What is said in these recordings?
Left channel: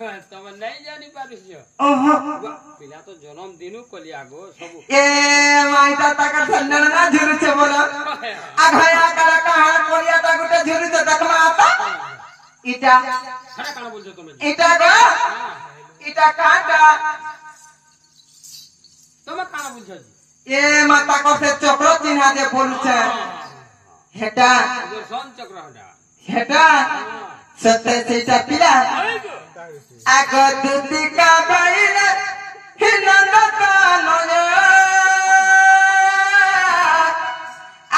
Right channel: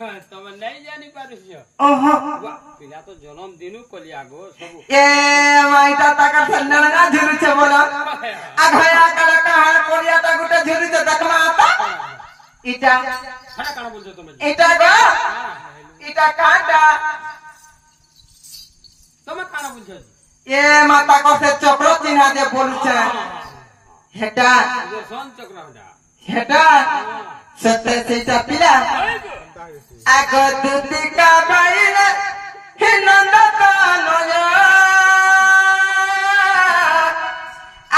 तमे नहीं जानी पारियो पिला तो जन्म दिनु कलिया गो सब ए माइटा ताका संजन ना झुरुचे बोला आघया काला कहा कोलिया ता गुटे झुरुचे देखमा आता इटा हरा काना बोलछो तमे इटा गो इटा काटा तमे काना बोलछो ए माता को से चक्र चिन्हा दे बोलछे हेटा जो सन चक्र हेटा सत्य सीता पिला आगो दुतिका बाईले हे नंदकानन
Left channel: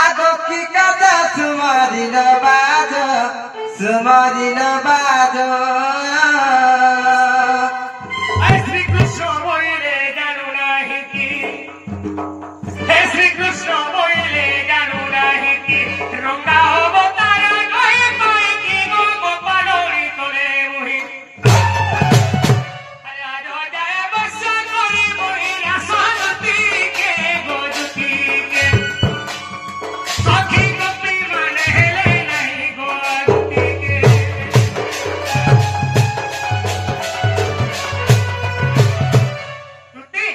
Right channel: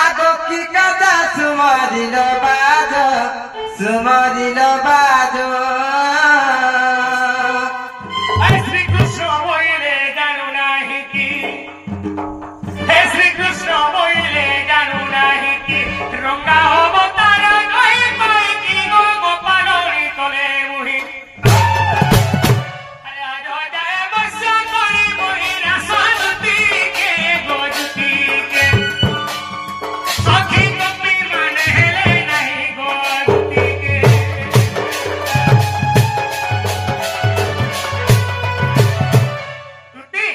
आगो की कदा सुमारिल बाजो श्री कृष्ण बोले जानू नाही की हे श्री कृष्ण बोले जानू नाही की रंगा अवतार कही कही की गोपालोरी तले मुही अरे आज जाए वर्ष करे मोहिरा शांति के गोजुती के सखी कपी मन हेले नहीं गोजुती के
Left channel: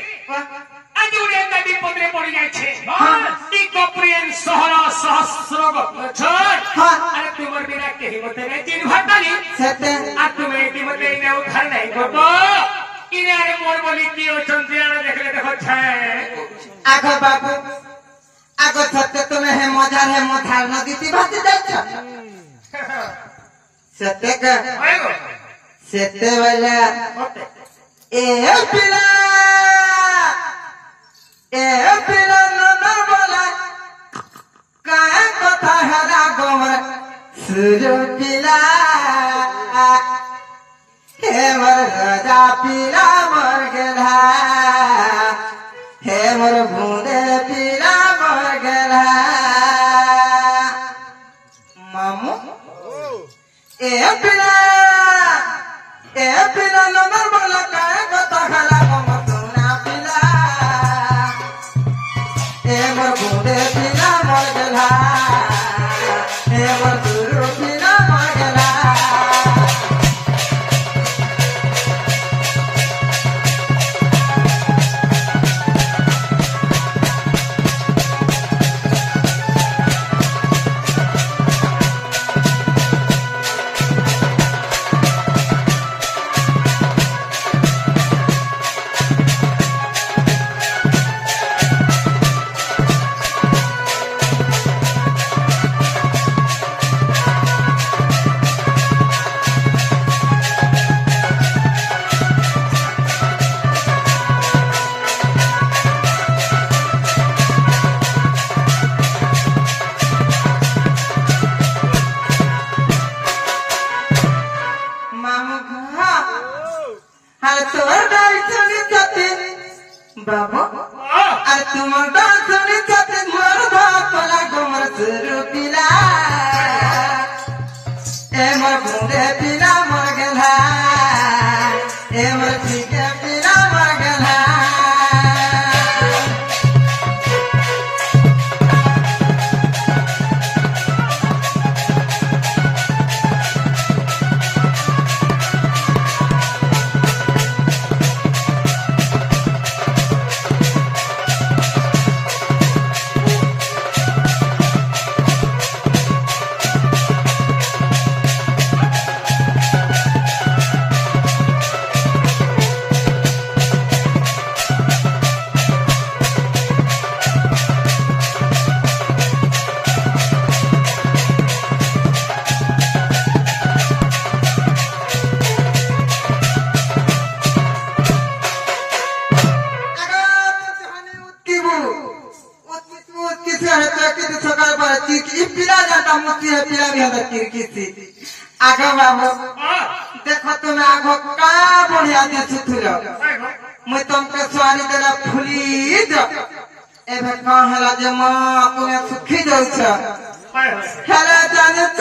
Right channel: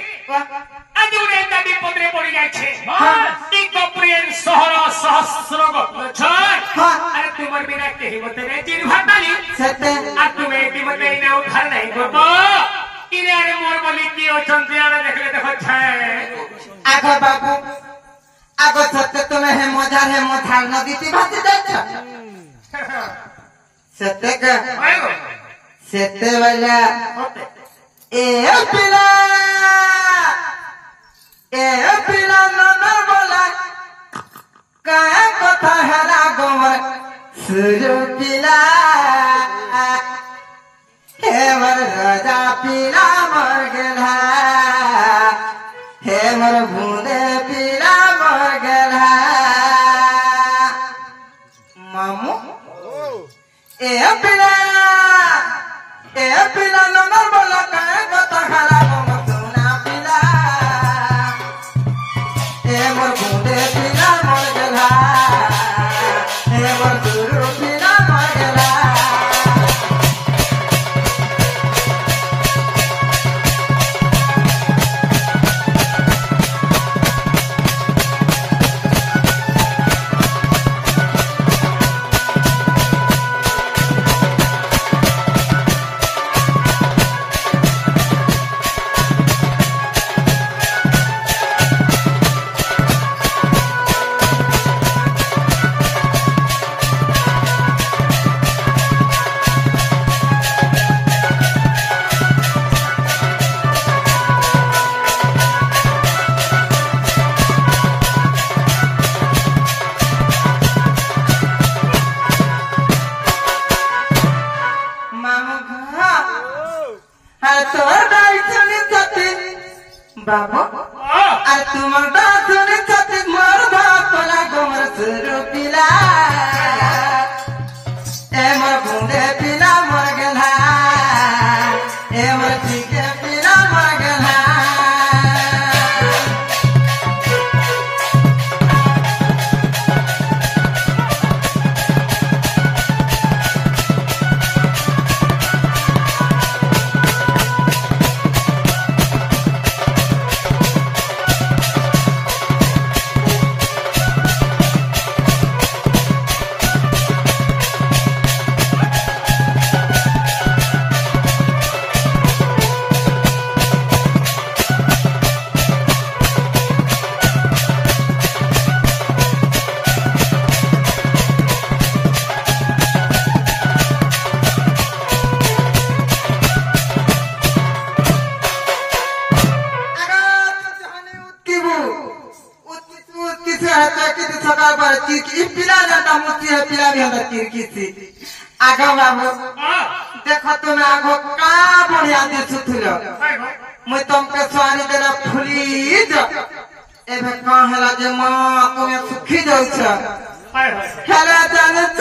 आजुरे नदी पदरे पड़ी जाय छे ई कपुरियन सहरा सहस्र गछ अरे तुमर बिना केही मते रे तीन भाटाली सत्य आ तुमे ती मते ने उधार नहीं गो इने अरे मोर बोली की ओछंती आने देखले देखो छे आगो बाबू आगो सत्य तुम्हें है मजा है मथार नदी ती भात जाय छ सत्य का आइगो सत्य वाला ए पिला नन बोला काय कथा हेला गोमर सुरु पिला हे मोर राजा पिला मर गेला हे मोर भूदे पिला मर गेला मामू ए पिला नन बोला काय कथा हेला गोमर सोना पिला हे मोर भूदे पिला मर गेला हे मोर सुरु पिला मर गेला बाबा अरे तुम सुनी छत्तीस मोर धाकला गोमर सुरु पिला ए मोर भूरे पिला मर गेला ए मोर ठीके पिला मर गेला आगा बाबू देखो तुम आगो का बढ़िया दिशुथिल मुई तुमके स्वारी देला फुली जो एबे कहला जे मां तुमे सुखी जाउछ हेला जानू छ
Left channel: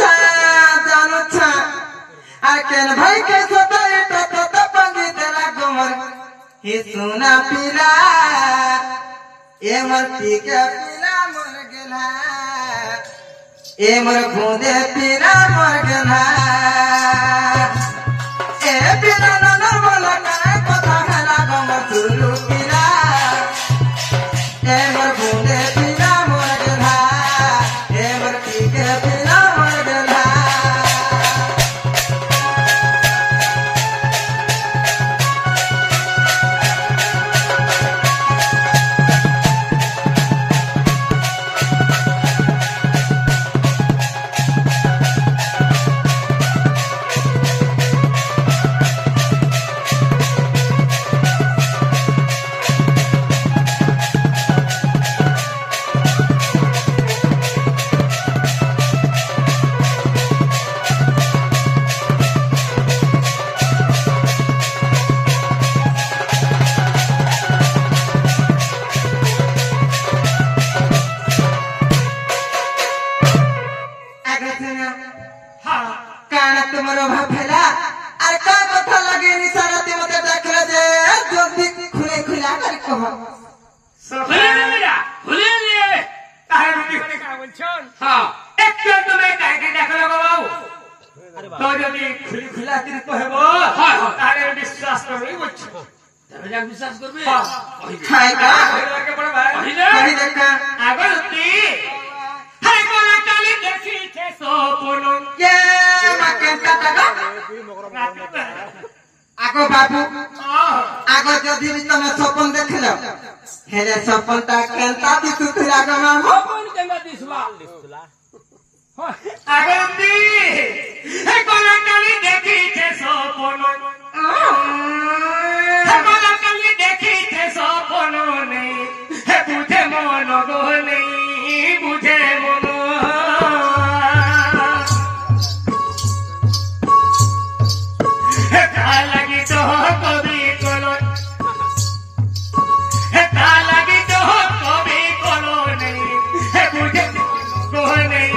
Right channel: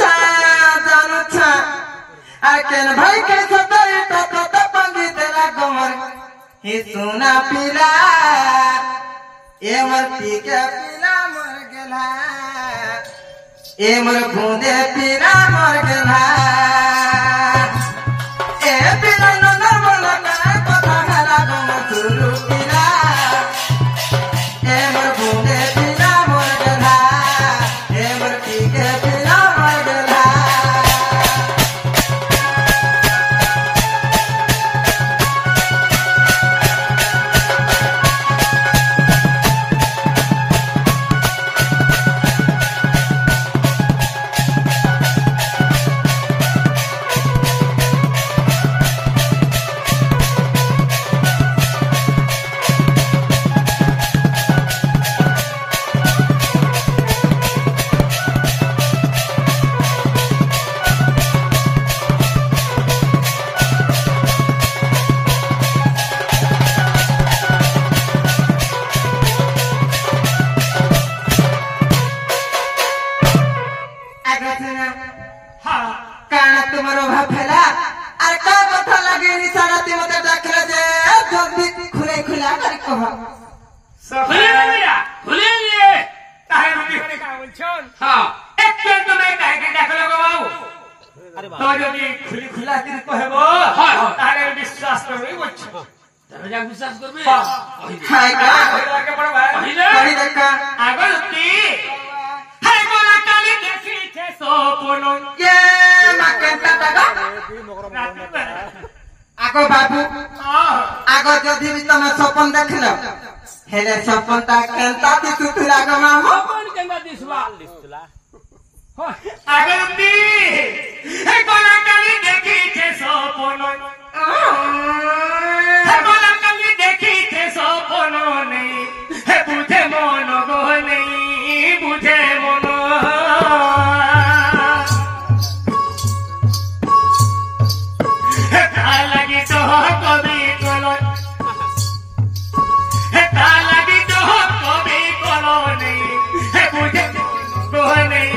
आ केन भाई के सदाई तो पंगी देला गोमर ही सुना पिला ए मरती के पिला मर गेला ए मोर भूदे पिला मर गेला ए पिला नन गुरु पिला ए मोर भूले पिला मोर गधा ए मोर पीके पिला मोर गधा काना तुमरो भाफेला अरे का कथा लगे नि सारा ते मते देखले जे जल्दी खुले खुला कर कह खुले रे ताहे মানে কা বলছন हां एक के তুমি কাকে দেখলো বাবু তো যদি খুলি খুলা করে কহবো তাহলে বিশ্বাস করবি বলছো তাহলে যা বিশ্বাস করবি हाय का লাগে বড় ভাই कहि देखा আগল কি হাই বলা কালি দেখি কে সোপন ये माकेता दादा आगो बाबू आगो जदि भी तुम सपन देखलो हेले सपन ता केंता दिसुथुला ग मामो কোন কেঙ্গা দিছলা আগল কি হাই বলা কালি দেখি কে সোপন হাই বলা কালি দেখি কে সোপন নেই হে বুঝে মন গো নেই বুঝে মন লাগি তো কবি কলন লাগি তো কবি কলন বুঝে মন গো নেই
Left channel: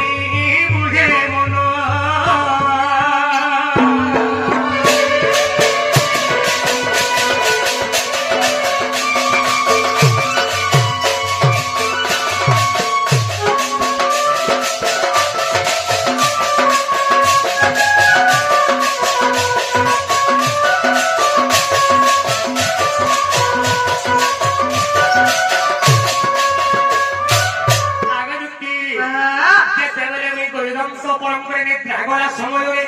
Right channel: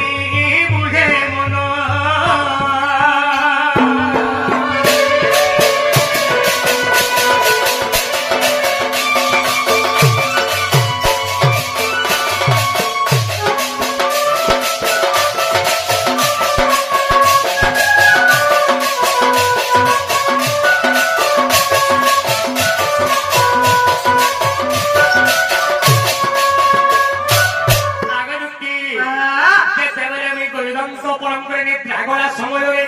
বুঝে মন ସମୟରେ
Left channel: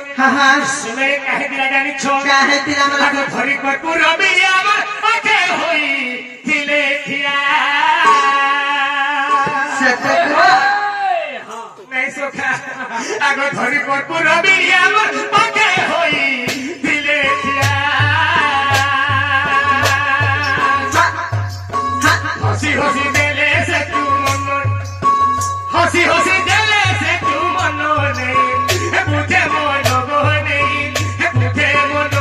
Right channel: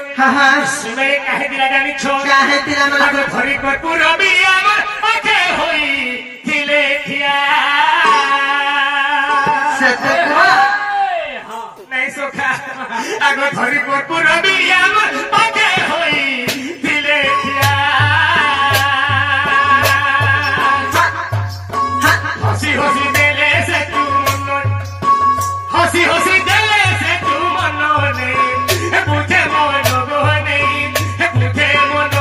ସୁମେ କାहे ଦିଲା ଜାଣିଛ काहे तिला मला ଆଗ ଧରି କର୍ପୂର ବିରି ଆମର ପାଖେ ହୋଇ ଥିଲେ ଠିଆ से को ନାଇଁ ସଖା ଆଗ ଧରି କର୍ପୂର ବିରି ଆମର ପାଖେ ହୋଇ ଥିଲେ ଠିଆ ହସି ହସି ଦେଲେ ସେ ତୁ ମନ ହସି ହସି ଦେଲେ ସେ ତୁ ମନ ନେଇ বুঝে মন গো নেই বুঝে মন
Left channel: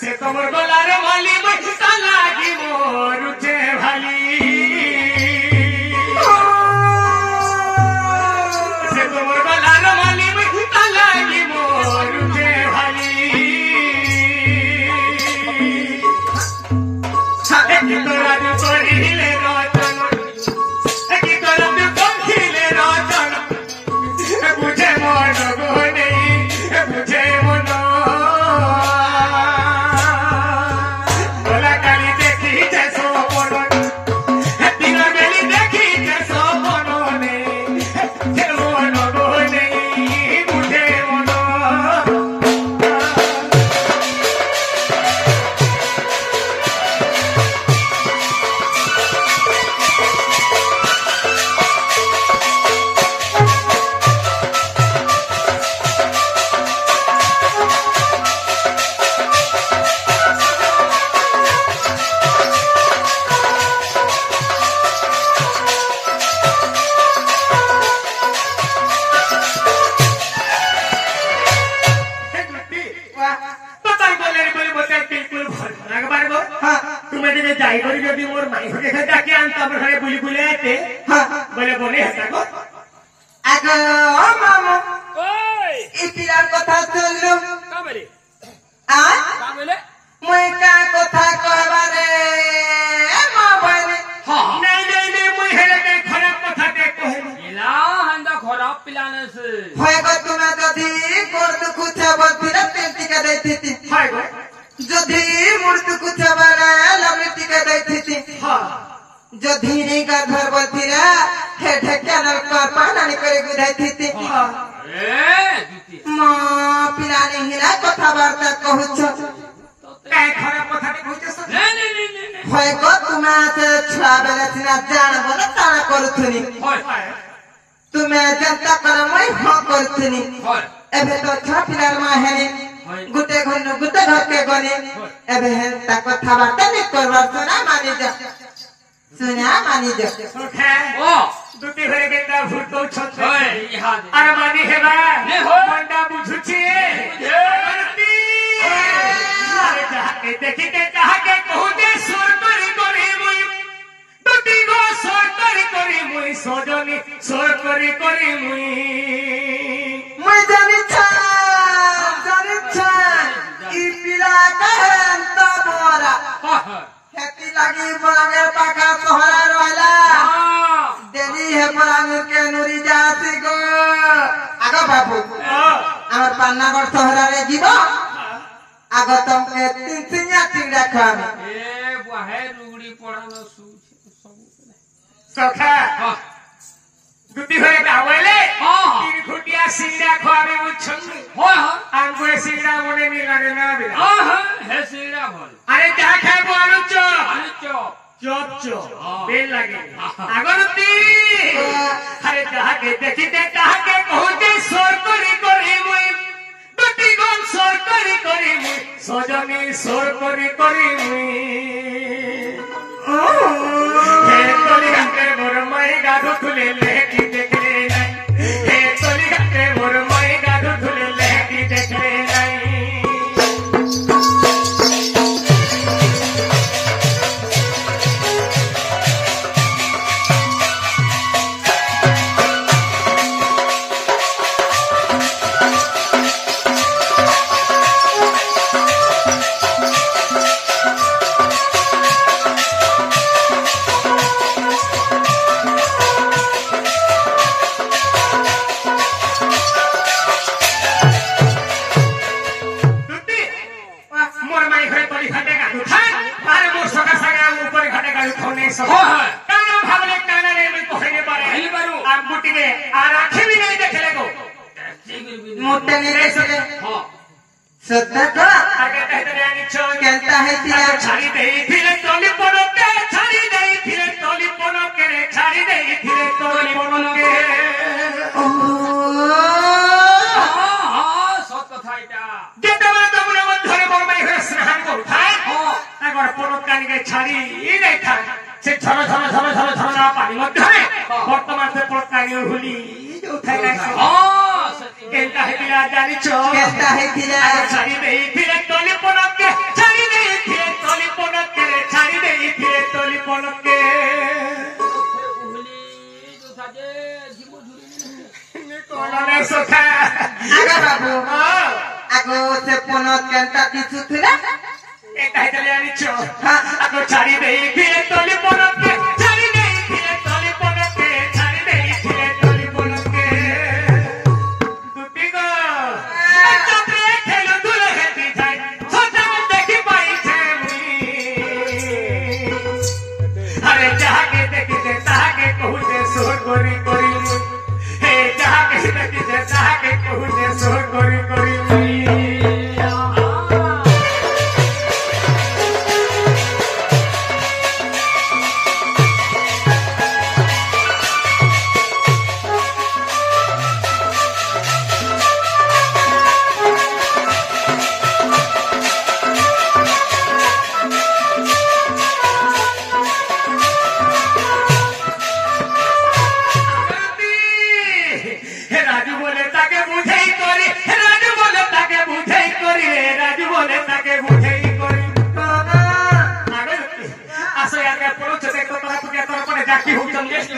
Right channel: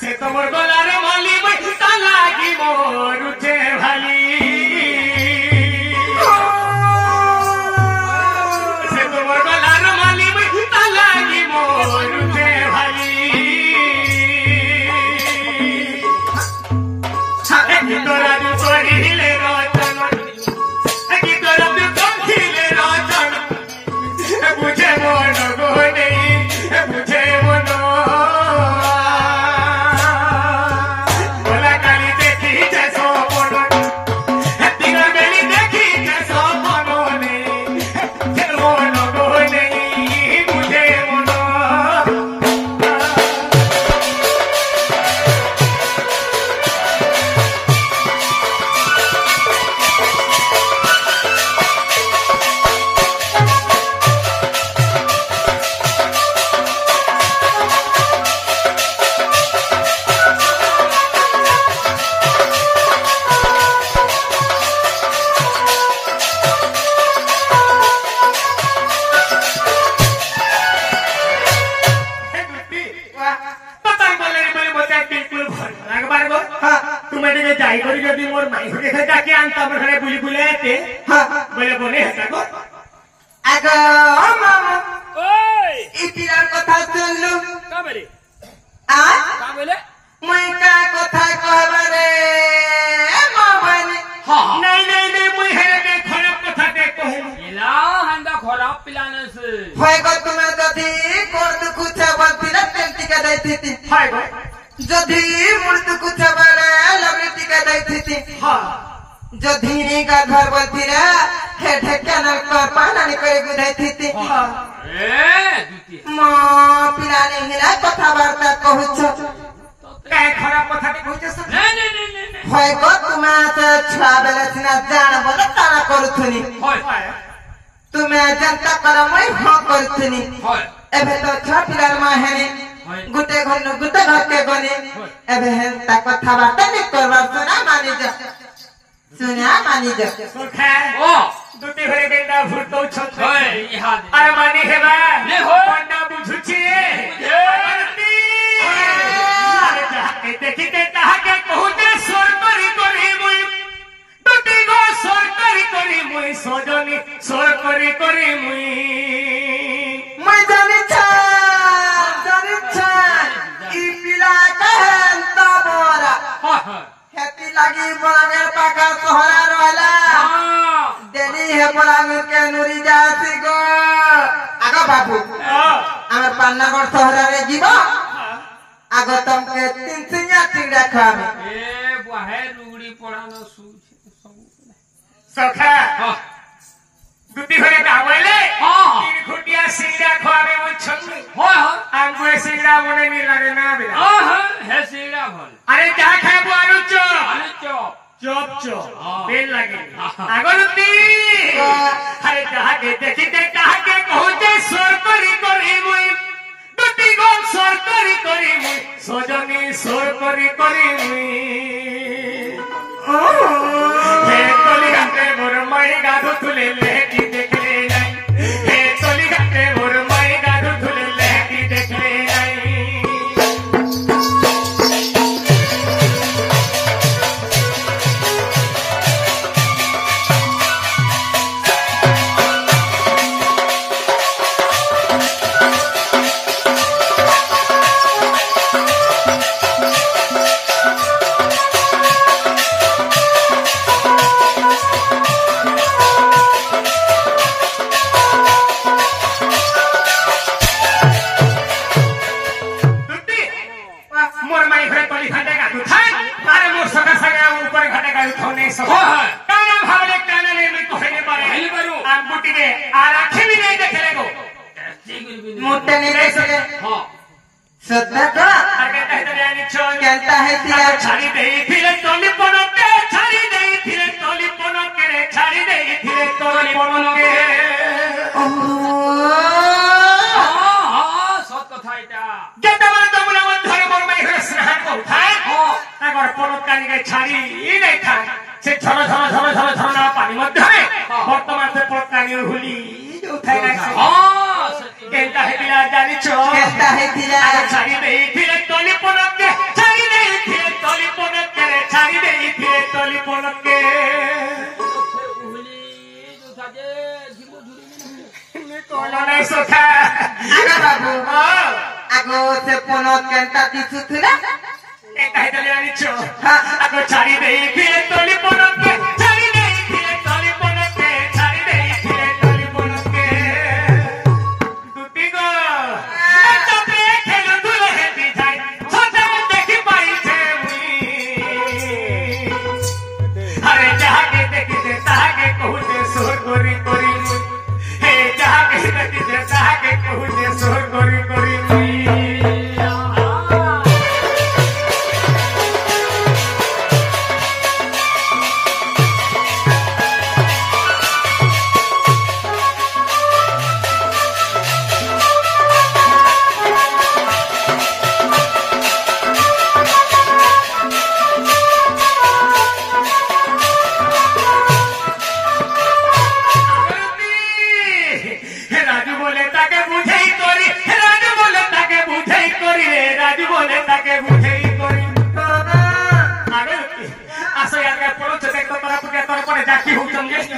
से तो मोर गोलार माली में लागी मोर उठे भाली से तो मोर गोलार माली में लागी मोर उठे भाली तोरा दू कोहिले रोचन तोरा दू कोहिले रोचन बुझे मोर गो नहीं बुझे মতে বিলকুল ভাল লাগবার গো হ্যাঁ তুমি দিকে যাই করি যদি মোর মাই হয়ে ডাকে আনতো আমার ঘরে বুলি বুলি এতে হ্যাঁ বলে বনে হেতা গো আগো মামু ওই এই পিলার কথা শুনলু কা বলে আ কা বলে মুই কা কথা কবারে মাবানি নাই নাই নাই মুই হেরে নাই খারাপ কথা কে কহিনি এলা হান্দা খরাপ পিলানে সে হয় গো তুমি যদি কোন দুকুছে বলতিরা পেন্টিকা দেইতি হয় গো যদি মূর্তি কুছে বলে লমিটিকা দেইতি হ্যাঁ যদি রিগা ঘর বলতিরা হে ঢেকানোর পর পানানি করে গুধাইতি এ দুতি মা পিলানি হিলা কথাবার্তা কহুছ কে খারাপ কথা কে কইতেছ নে নে নে নে নে হয় গো তুমি ছড়া বেলা সিনা জান বলে তারা করুথুনি হয় তুমি জনতা কর মই হ করুথুনি হয় এবে তো ছ পিলার মা হেনি গুটে ঘরকে গনে এবে হেনতা কথাবার্তা নি করবার সোনা মানি যা সুখা ও দুটি হয়ে গেটা ভূত ছত হয় ইহা দে আরে মানি হেবা নে হো। কোনটা বুঝুছি আরে যাকে দেখিতে তাহাকে কহুতে সরকারি করি মুই দুটি গো সরকারি করি মুই সজনি সরকারি মুই মুই জানিছ ই পিলা কেহেনতা বরা হয় হেতি লাগি বলাঙ্গের পাকা সহরা রইলা দেরি হে বলাঙ্গের কে নুরি যাতে গো আগা বাবু আমার পান্নাগর সহরারে যাব আগ তমকে তিন সিঙা চিড়া খাবে এ বাহে রুগড়ি পড়ানো সবু সখা হ্যাঁ দুটি হয়ে গাওয়াইলে হ্যাঁ। তিন ঘুটিয়া সিংড়া খাওয়াবে বুঝছন হয় আঙ্গুরে সিংড়া মনে নি লাগে না বিরা হ্যাঁ হে সিড়া ভাল আরে যা খাবো আলু চপ আলু চপ চপ চপ হ্যাঁ। বেল লাগে আগরতি আরে যাহাকে দেখিতে তাহাকে কহুতে সরকারি করি মুই দুটি গন সরকারি করি মুই সজনি সরকারি করি মুই হে তলিঘাটে মোর মাই গাধু তুলে লেহেটি দেখলে নাই হে তলিঘাটে মোর মাই গাধু তুলে লেহেটি দেখলে নাই দুটি মোর মাই ঘরে তলি ঘাটে গাধু থাক আরে মোর সকা সাগা উপরে ঘাটে গাধু থাউনে সব হয়। কানা ভাবলে কানা রে মই কহে পারে হেলি পারু। আর বুটিরে আর আখি নাই দেখে রেগো মোটে নেই সকে হ্যাঁ সত্যা করা আগে কহতে আনি ছয় কেনতা হে তিলা ছাড়ি দেই ফিরে তলি পনকে ছাড়ি দেই ফিরে তলি পনকে রে ছাড়ি দেই ফিরে তলি পনকে হ্যাঁ সব কথা এটা যে তোমার যমুনা মধ্যে মোর মাই ঘরে স্নান করথায় হ্যাঁ একবার পনকানিকে ছাড়ি নাই থাক সে ঝর ঝর ঝর ঝর ঝর না পানি মধ্যে বর্তমান সে পনকানি হুলি উঠাই রাখছে হ্যাঁ সত্যি কেনতা হে বিরা জানিছ কেনতা হে তিলা ছাড়ি দেই ফিরে তলি পনকে ছাড়ি দেই ফিরে তলি পনকে রে ছাড়ি দেই ফিরে তলি পনকে উহলি যোথা যে জীব ঝুরি কোন নাই সখা আগা বাবু ও আগো সে পনত কেনতা কিছু থিলা এটা হেতলে আনিছ আগো ছাড়ি দেই ফিরে তলি পনকে ছাড়ি দেই ফিরে তলি পনকে ছাড়ি দেই ফিরে তলি পনকে দুটি গো চক্রে খেলু ধুলো হেতি যাই সোজা দেখি পাইছে মুই আরে যাহাকে দেখিতে তাহাকে কহুতে সোর করি করি মুই হে যাহাকে দেখিতে তাহাকে কহুতে সোর করি করি মুই হে রাজু বলে তাকে বুঝেই করি হে রাজু বলে তাকে বুঝেই করি রে রাজু বলে তাকে বুঝেই করছে দেখো তোরা পুকে তোর পরে জাকি হুচন গেছে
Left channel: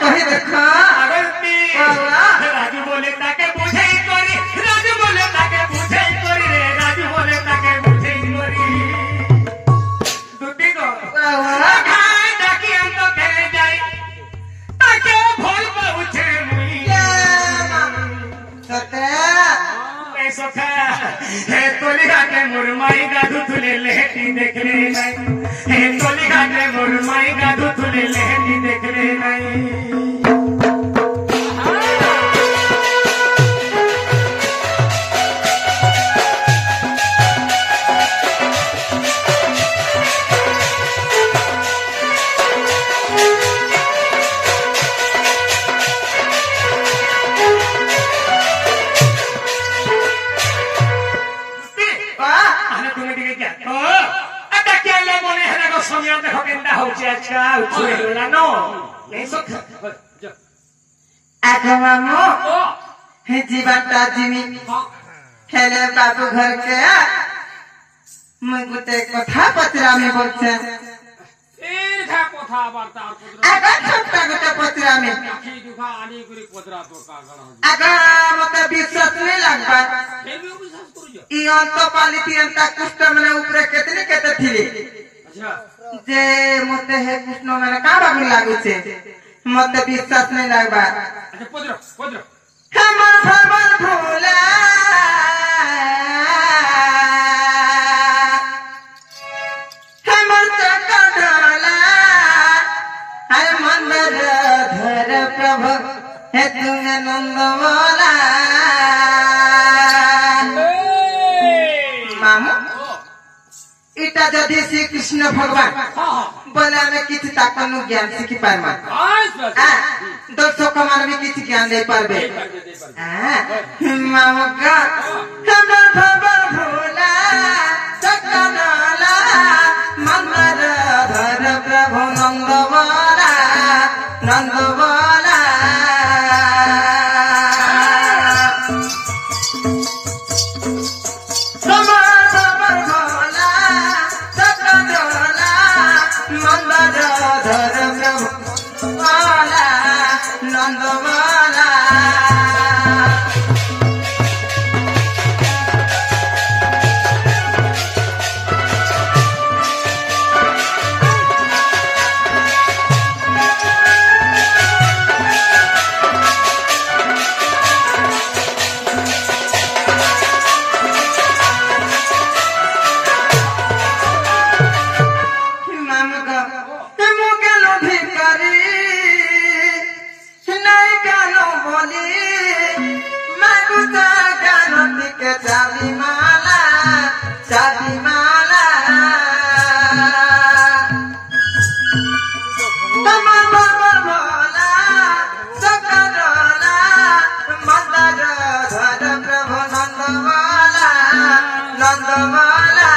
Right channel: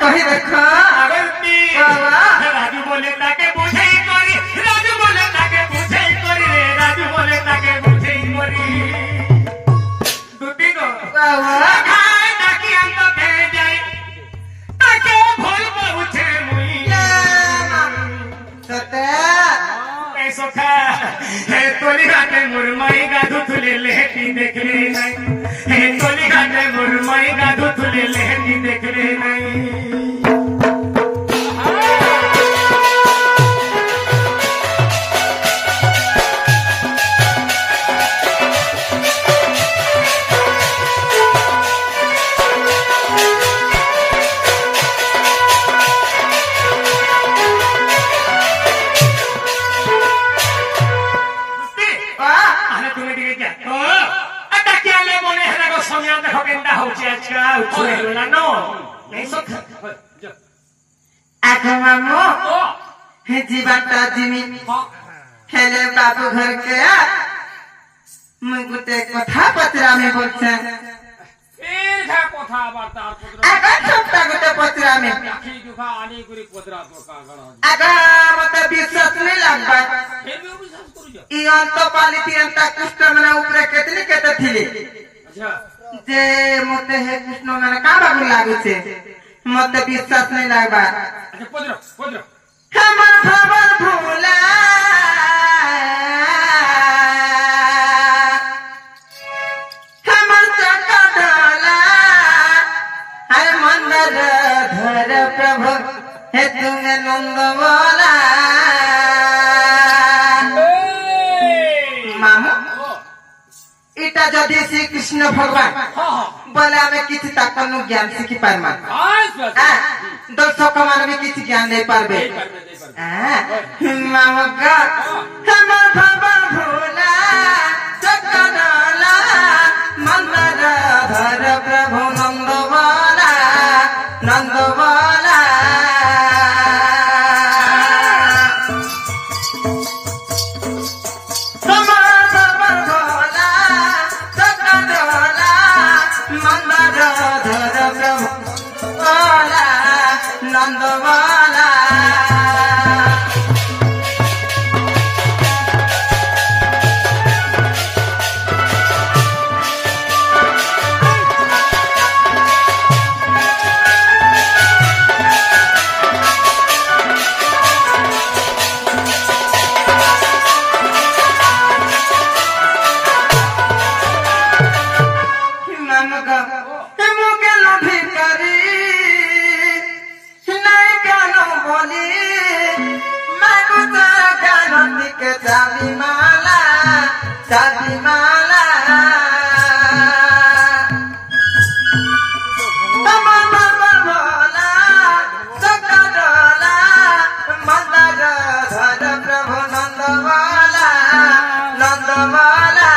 কহি দেখো আগন্তি বাবা। রাজু বলে তাকে বুঝেই করি রাজু বলে তাকে বুঝেই করি রে রাজু বলে তাকে বুঝেই করি দুটি তো বাবা। খায় ডাকি আন্ত খেয়ে যাই তাকে ভয় পাউছে মুই সতে এই সখা হে তলি ঘাটে মুরমাই গাধু তুলে লেহেটি দেখলে নাই হে তলি ঘাটে মুরমাই গাধু তুলে লেহেটি দেখলে নাই আরে তুমি দিকে কে ও এটা কি আলে মনে হেলা গো সোনিয়া দেখো কেনটা হচ্ছে আজকা উঠে গেলা নো এই সখা আগে মামু ও হে জীবনটা জিমি হেলে বাবু ঘরকে মুই গোটে কথা পচরামি বলছে ফের ঘা কথা আবার তার পত্র আগে ছোট্টা গোটে পচরামি আখি দুখা আনি করে পত্রা তো কাগড় আগে মতে বিশ্বাস নেই লাগবা ফের भी বিশ্বাস করুছ ই অন্ত পালিতি এন্তা কৃষ্ণ মানে উপরে কেতনি কেতে থিলি আচ্ছা যে মতে হে কৃষ্ণ মানে কা বাবু লাগুছে মতে বিশ্বাস নেই লাগবা আচ্ছা পত্র হেমন ভ্রমণ ভোলা হেমন চকডলা হে মন্দর ধর প্রভু হে তুমি নন্দবলা মামু এটা যদি শ্রীকৃষ্ণ ভগবান বলে আমি কিছু তাকনু জ্ঞান শিখি পারমা দর্শক মানে কিছু জ্ঞান দেই পারবে মামা হেমন ভবা ভোলা চকডলা মন্দর ধর প্রভু নন্দবলা নন্দবলা নন্দবলা মুখে ভিকারি নাই কেন বলি মাগুতা কেন দিকে চাবি মালা তোমার বাবা বলা চকডলা মন্দার ধর প্রভু নন্দবলা নন্দবলা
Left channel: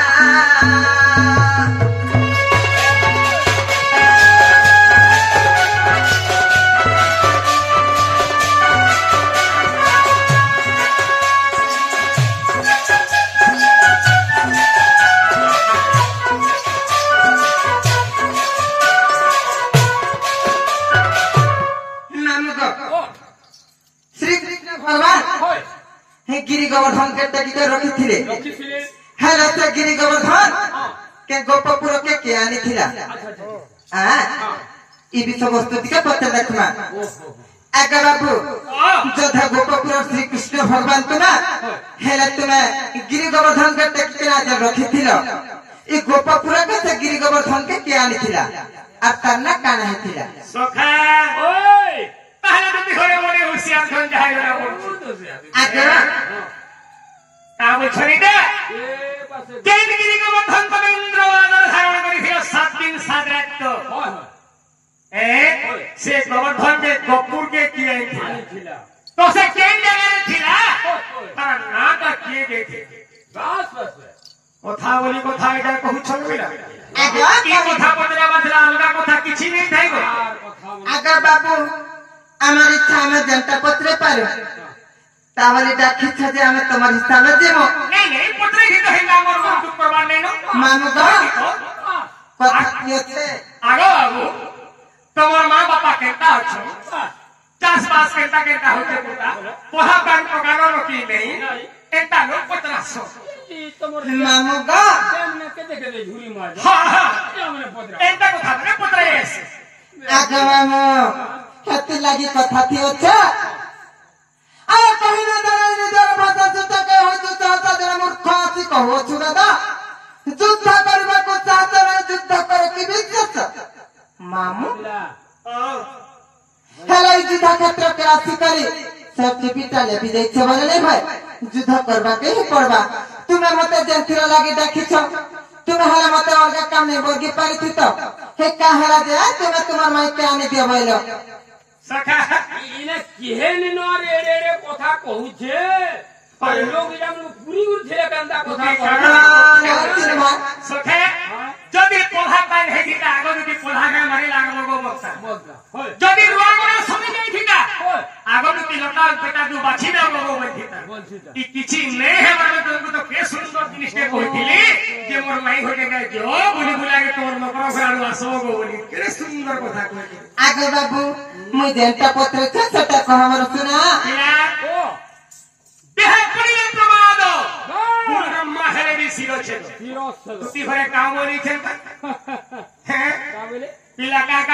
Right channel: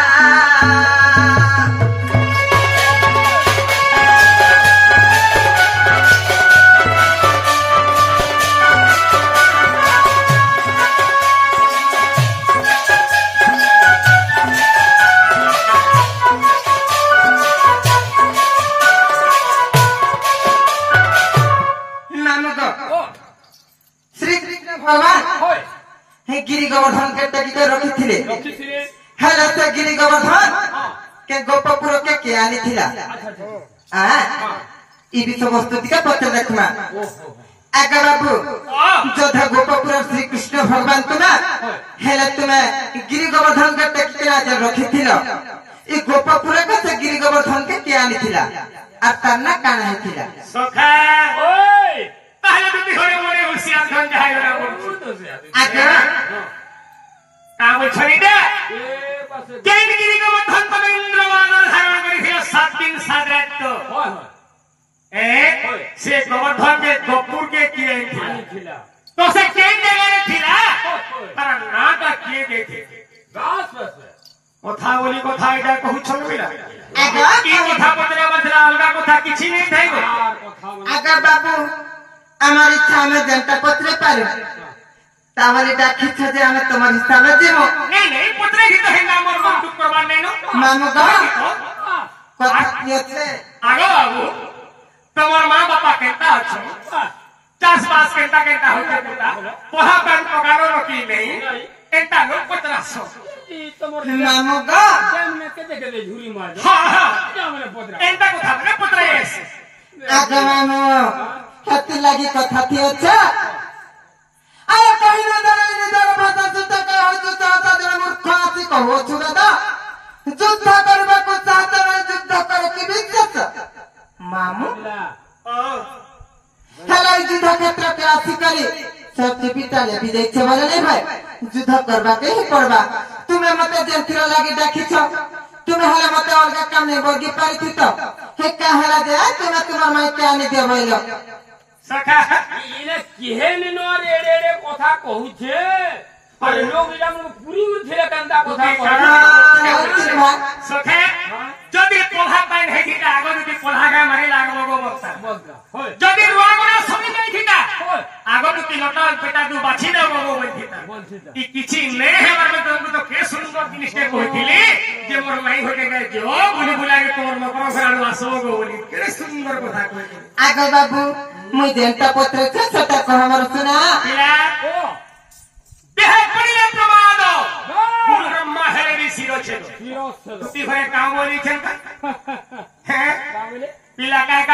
শ্রীকৃষ্ণ ভগবান হয় হে গিরি গোবর্ধনকে টেকিতে রখিଥିଲେ রখিছিলে হ্যাঁ ସେ ଗିରି ଗୋବର୍ଦ୍ଧନ ହଁ କେ ଗୋପପୁରକେ କେ ଆଣିଥିଲା ଆଚ୍ଛା ଆଚ୍ଛା ଇ ବିଷୟବସ୍ତୁ ଟିକେ ପଚାର ଦେଖମା ଓହୋ ଆଜ୍ଞା ବାବୁ ଯୋଦ୍ଧା ଗୋପପୁର ଶ୍ରୀକୃଷ୍ଣ ଭଗବାନ ତୁମେ ହେଲେ ତୁମେ ଗିରି ଗୋବର୍ଦ୍ଧନକେ ଟେକିକିନା ଯେ ରଖିଥିଲ ଇ ଗୋପପୁରକେ ସେ ଗିରି ଗୋବର୍ଦ୍ଧନକେ କେ ଆଣିଥିଲା আর তার না কানা ହେଇଥିଲା সখা ওই তাহলে তুমি ঘরে মনে হুঁশিয়ার ধন যাই না বলছো আজ্ঞা তা বলছনি দে এ পাশে কেন গিরি গোবর্ধন তুমি ইন্দ্রবাদর ধারণ করেছিল 7 দিন 7 রাত হয় হয় সে গোবর্ধনকে গোপুরকে কি আনিছিল আনিছিলা তো সে কেন জায়গায় ছিল তার নাটা কে দেখে গাছ পাশে কথা বলি কথা এটা কহুছ মিলা আজ্ঞা কি কথা পতরা বাজরা অলগা কথা কিছু নেই থাইব আর কথা বলে আজ্ঞা বাবু আমার ইচ্ছা আমি যেটা পত্রে পারো তাহলে ডাকিছ যে আমি তোমার স্থানে যাব নেই নেই পত্রে কিন্তু হেনা মোর মন দুঃখ করবার নেই মামু গো কথা কি আছে আগো বাবু তোমার মা বাপা কেনটা আছে চাষবাস কেনটা কেনটা হইতে পুরা পড়া পান পকানোর কি নেই এটা লোক পত্রাস তোমার মামু গো যেমনে কেটে কেটে ঝুরি মার হ্যাঁ হ্যাঁ যেমনে পদরা এটা কথা মানে পত্রাই আছে আগে মামু হেতি লাগি কথা কি আছে আর কহিনা ধরে নিজের ভাষা যুদ্ধকে হয়তো চাহতা জনে মূর্খ আছি কହୁଛୁ দাদা যুদ্ধ କରିବାକୁ ଚାହୁଁଛ ଯୁଦ୍ଧ କର କି ବିଜେତ ମାମୁ ହେଲେ ଏଇ ଯୁଦ୍ଧ କ୍ଷେତ୍ରକେ ଆସିକରି ସେ ଟିଭିଟା ଲେଖି ଦେଇଛେ ବୋଲେ ନାଇଁ ଭାଇ ଯୁଦ୍ଧ କରିବାକୁ ହିଁ ପଡବା ତୁମେ ମତେ ଯେଥିର ଲାଗି ଡାକିଛ ତୁମେ ହେଲେ ମତେ ଅଲଗା କାମ ନେଇ ବର୍ଗି ପାରିଥି ତ ହେ କାଁ ହେଲା ଯେ ତୁମେ ତୁମର ମାଇକେ ଆଣିଦିଅ ବୋଇଲ ସଖା ଇନେ କେହେନି ନ ରେଡେ ରେଡେ କଥା କହୁଛେ ଆରେ ଲୋକ ଜାମୁ ପୁରୀ উঠিলে কেনটা কথা কয় সখা যদি পড়া পাই হেদিটা আগে যদি পড়াগা মারি লাগলো গো বলতা বলতা হয় যদি রুয়া গুনা সরি যাইছিনা হয় আগে যদি লটা পেটা দু বাছি দাও গো বলছিতা বলছিতা ই কিছু নেই হেবারে তুমি তো কে সুন্দর জিনিসকে কইছিলি যে মোর মাই হইতে গায় যো বুঝি বুলাগে তোমার মকর ঘরাড়ু আসবো গো বলি কে সুন্দর কথা কইলি আগে বাবু মুই যেনটা পত্র আছে সেটা কহ আমার শুনা পিলা ও দেহে পড়িলে প্রমাদ হ্যাঁ ব্রহ্মা হেরি শিরোছে হিরো ছিল তুই ঘরে কাম বলিছেন হ্যাঁ কা বলে পিলা কাকা